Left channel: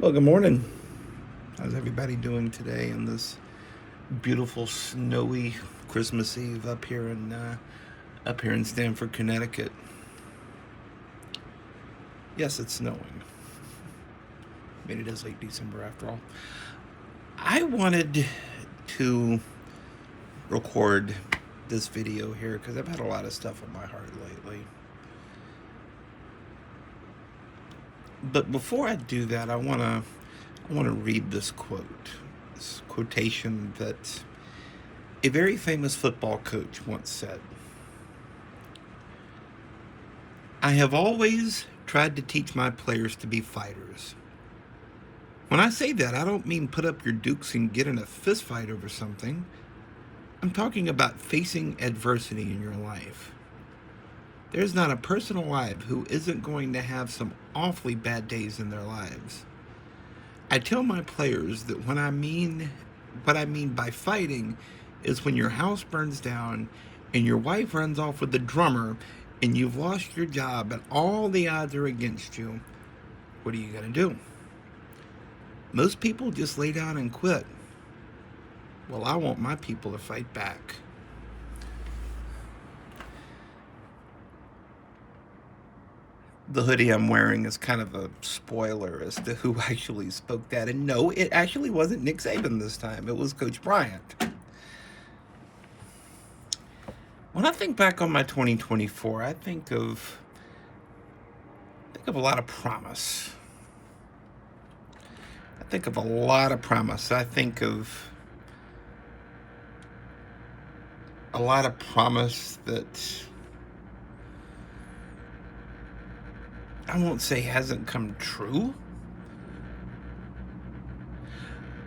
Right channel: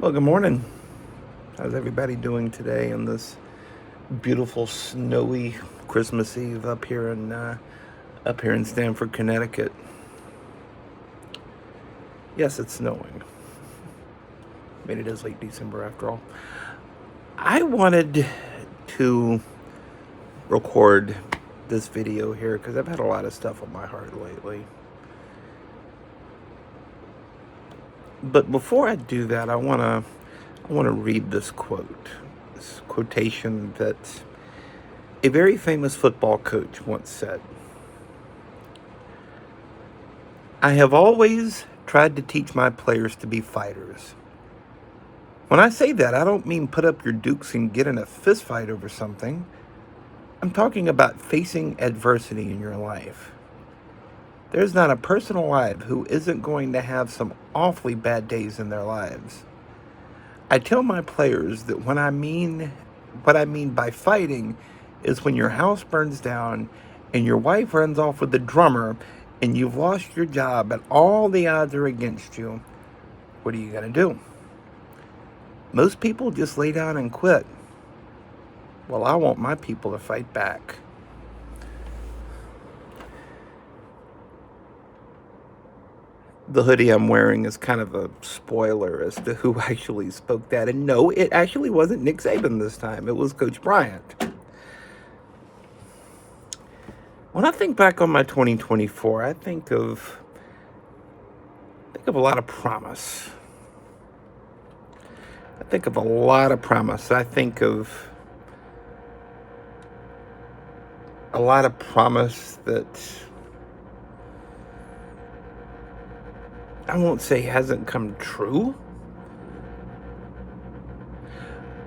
Well, good morning. How's everybody doing today on this beautiful, snowy Christmas Eve up here in Stamford, Connecticut? Yes, it's snowing. I mean, it is late December after all. I wanted to record this video here because I've had a lot of stuff on my heart lately. But before I do that, I want to read this quote, this quotation that a very famous football coach once said. I have always tried to teach my players to be fighters. When I say that, I don't mean put up your dukes and get in a fist fight over something. I'm talking about facing adversity in your life. There's not a person alive who isn't going to have some awfully bad days in their lives. I tell my players that what I mean by fighting is when your house burns down and your wife runs off with the drummer and you've lost your job and all the odds are against you. What are you going to do? Most people just lay down and quit. Well, I want my people to fight back. The hoodie I'm wearing is kind of a spoiler as to who actually spoke that. And no, it actually wasn't Nick Saban this time. It was Coach Bryant. When I think back on my 2024, I think of a lot of promise. I think of a lot of promise. I think of a lot of promise that I won't say hasn't come true,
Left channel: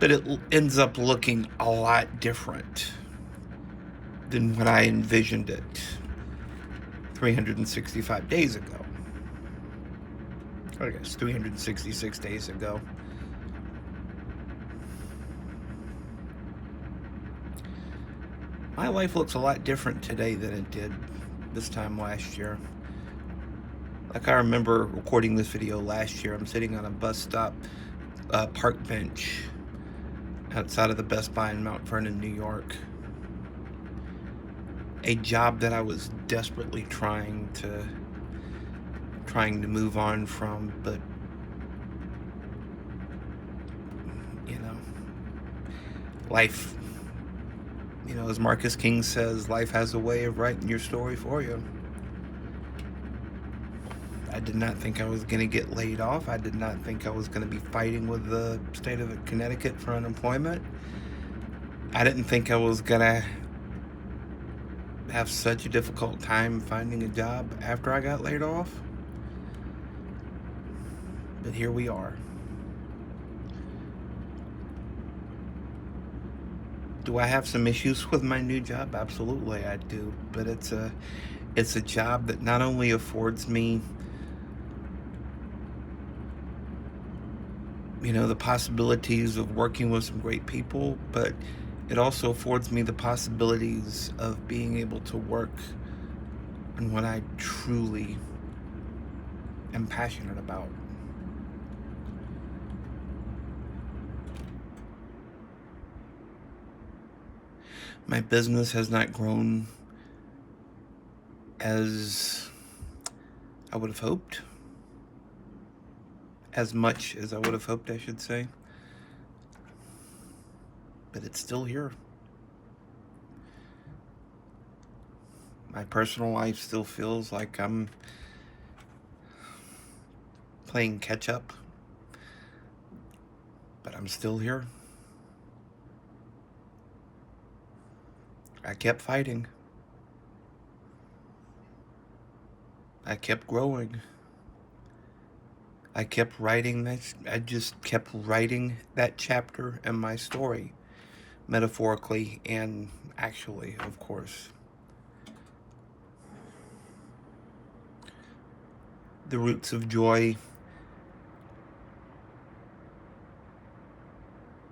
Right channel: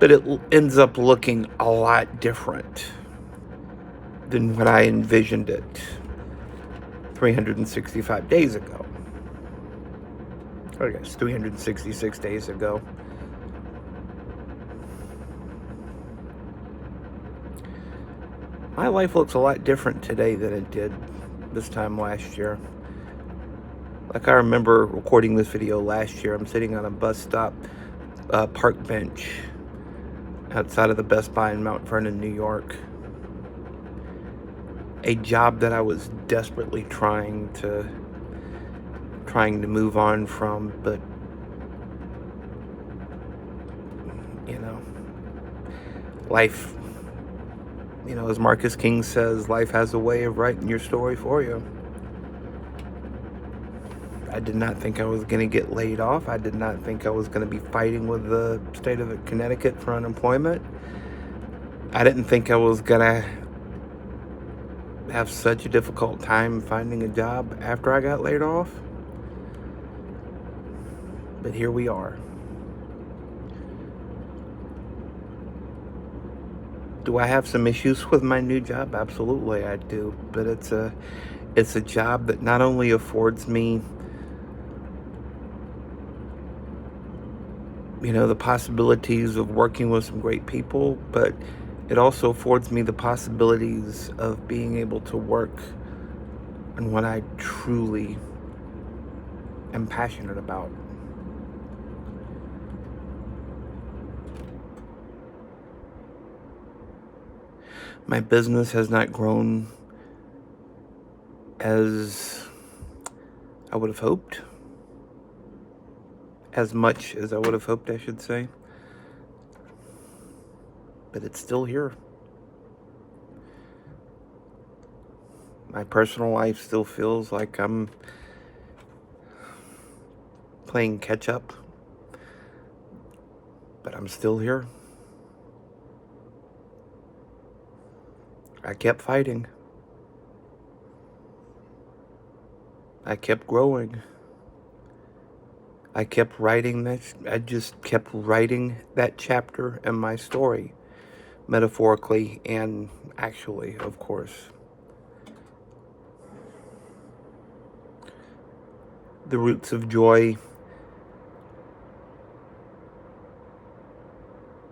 but it ends up looking a lot different than what I envisioned it 365 days ago. Or I guess 366 days ago. My life looks a lot different today than it did this time last year. Like I remember recording this video last year. I'm sitting on a bus stop park bench outside of the Best Buy in Mount Vernon, New York. A job that I was desperately trying to move on from, but life, as Marcus King says, life has a way of writing your story for you. I did not think I was going to get laid off. I did not think I was going to be fighting with the state of Connecticut for unemployment. I didn't think I was going to have such a difficult time finding a job after I got laid off. But here we are. Do I have some issues with my new job? Absolutely, I do. But it's a job that not only affords me the possibilities of working with some great people, but it also affords me the possibilities of being able to work on what I truly am passionate about. My business has not grown as I would have hoped. As much as I would have hoped, I should say. But it's still here. My personal life still feels like I'm playing catch up. But I'm still here. I kept fighting. I kept growing. I kept writing this. I just kept writing that chapter in my story, metaphorically and actually, of course. The roots of joy,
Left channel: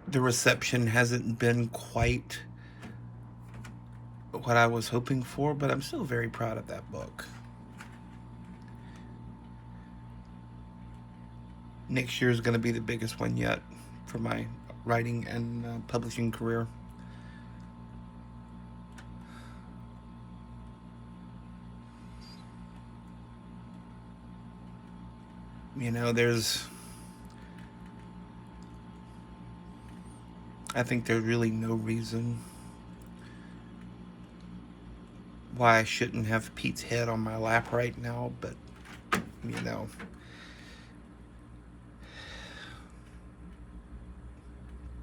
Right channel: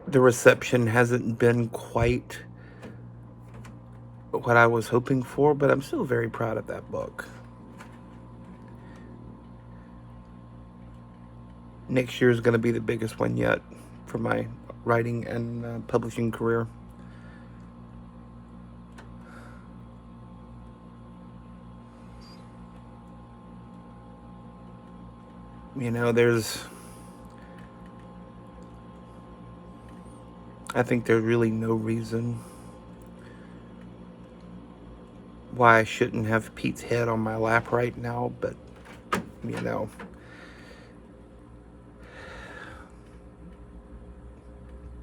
the reception hasn't been quite what I was hoping for, but I'm still very proud of that book. Next year is going to be the biggest one yet for my writing and publishing career. You know, I think there's really no reason why I shouldn't have Pete's head on my lap right now, but, you know,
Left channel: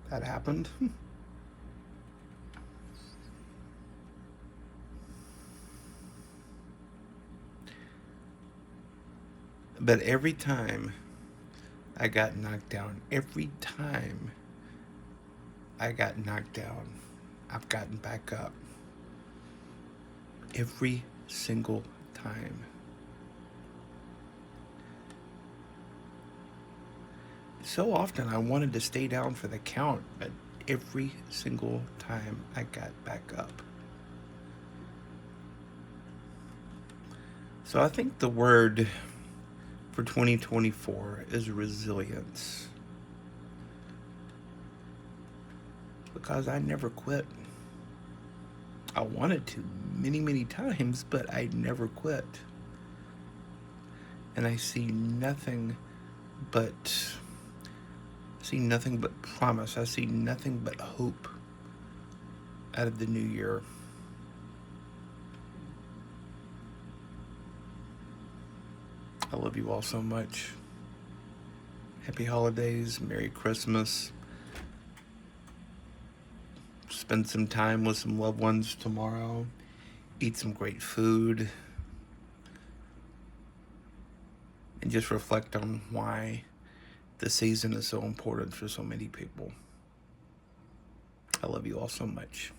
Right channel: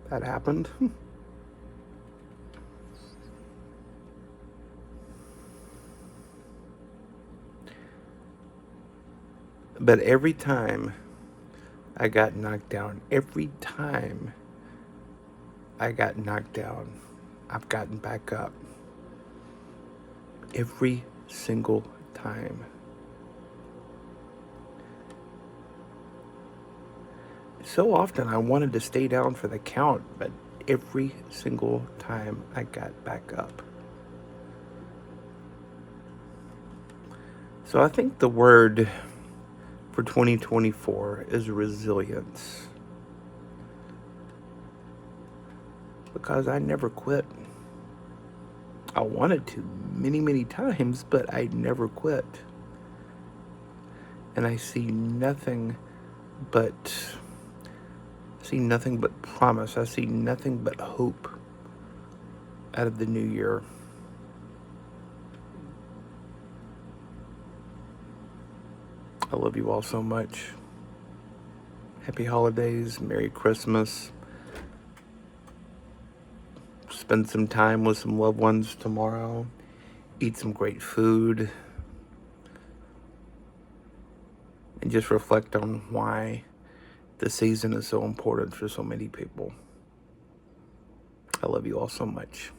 that happened. But every time I got knocked down, every time I got knocked down, I've gotten back up. Every single time. So often I wanted to stay down for the count, but every single time I got back up. So I think the word for 2024 is resilience. Because I never quit. I wanted to many, many times, but I never quit. And I see nothing but promise. I see nothing but hope out of the new year. I love you all so much. Happy holidays, Merry Christmas. Spend some time with some loved ones tomorrow. Eat some great food. And just reflect on why the season is so important for so many people. I love you all so much.